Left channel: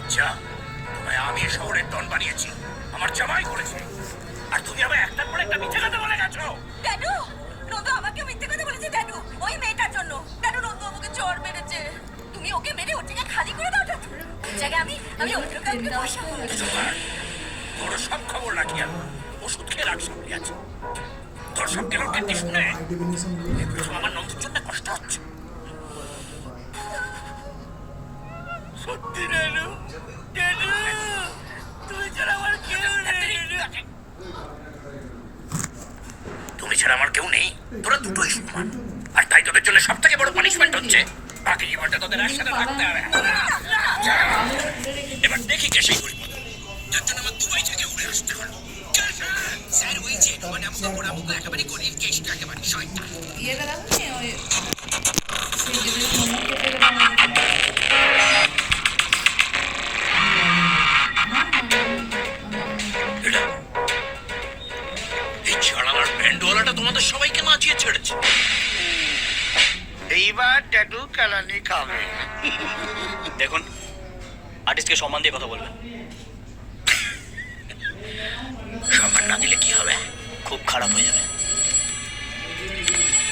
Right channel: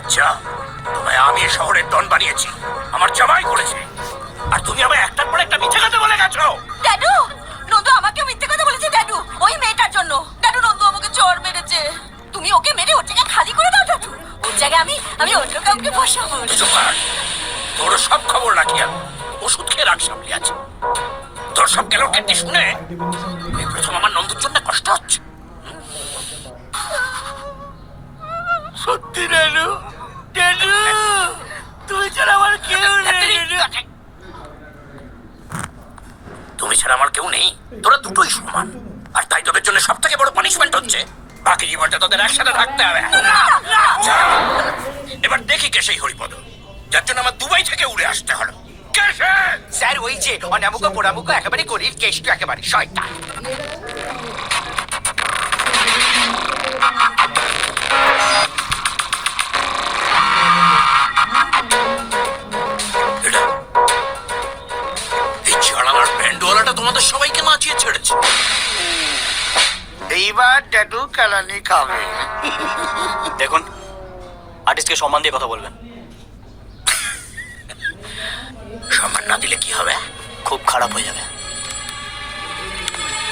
বাচ্চা, তোমায় আমি এই শহরের ডন বানিয়েছি, আমার জামাই করেছে, আর তুমি আমায় একটার পর একটা মিথ্যে কথা বলে গেছো। ড্যাডু, নন্দু আমাকে মিথ্যে কথা বলেছে ড্যাডু, ওই মেয়েটার জন্য। ড্যাডু, নন্দু আমাকে চড় মেরেছে। তুমি ওকে মেরে ওর জায়গায় খালি করে দাও ড্যাডু। ওর জায়গায় আমি অন্য কাউকে বসাবো। তোর সব খবর রাখি আমি, ওষুধ খেয়ে রাখ সামলে আছে। তোর সব গেল কেটে শুনে এই প্রথম আমার নন্দুর জন্য কষ্ট হচ্ছে। সত্যি ড্যাডু, ড্যাডু তুমি ছাড়া আমার কেউ নেই। তুমি ছাড়া আমার কেউ নেই, তোরা দুটোই সমান, আর তাই তোদের জন্য সব থেকে বড় পানিশমেন্ট হচ্ছে বাকি জীবনটা তোদের একসাথে থাকতে হবে। এবার দেখি কে সেই হরিপদ, যার জন্য আমার দুবাই থেকে উড়ে আসতে হলো। কে সে? স্যার ওই যে অনামুক পোড়ামুক একেবারে গরিব কেষ্ট একেবারে শয়তান। এই চালানার ব্যান্ডওয়ালাটা তোমাদের সবাইকে নাচিয়ে ছেড়েছে। এইবার ড্যাডু কালানি খাবে। দেখুন, আর্টিস্টকে সম্মান দিয়ে কথা বলবেন। সম্মান না দিলে কি হবে? খুব খারাপ হয়ে যাবে।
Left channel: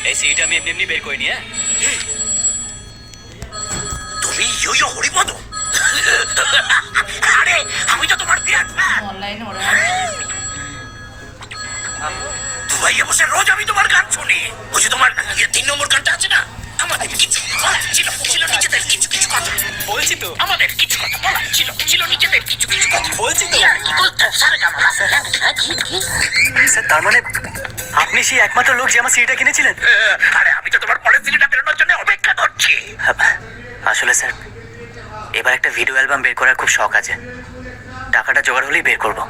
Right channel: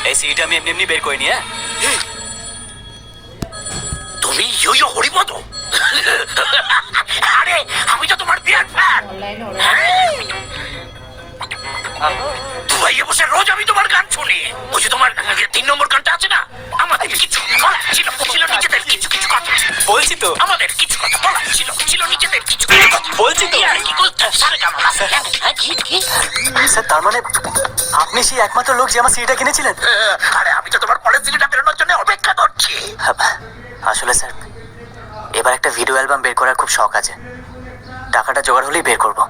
এই সিটা আমি এমনি এমনি বের করিনি। হ্যাঁ, তুমি ইয়ো হরিপদ? আরে আমি তো তোমার বিয়ার ফ্যান। দুবাইয়ে বসে রোজ আমি তোমার গান শুনি। ওই যে তোমার 3 নম্বর গানটা আছে না, আমাদের কিছু বলার ছিল নিজেদের কিছু কিছু কথা। বলছি তো, আমাদের কিছু কথা বলার ছিল নিজেদের কিছু কিছু কথা। বলছি তো। আর কি করতে স্যার কেমন আছে? স্যার তার মানে আপনি সেই একমাত্র লোক যে আমার সিটা কিনেছিলেন? আরে আমি তো তোমার পরের সিডিটা বেরোনোর জন্য অপেক্ষা করছি। আসলে স্যার, এবার একটা ভিডিও অ্যালবাম বের করার খুব শখ আছে। টাকাটা জোগাড় হলেই বের করবো।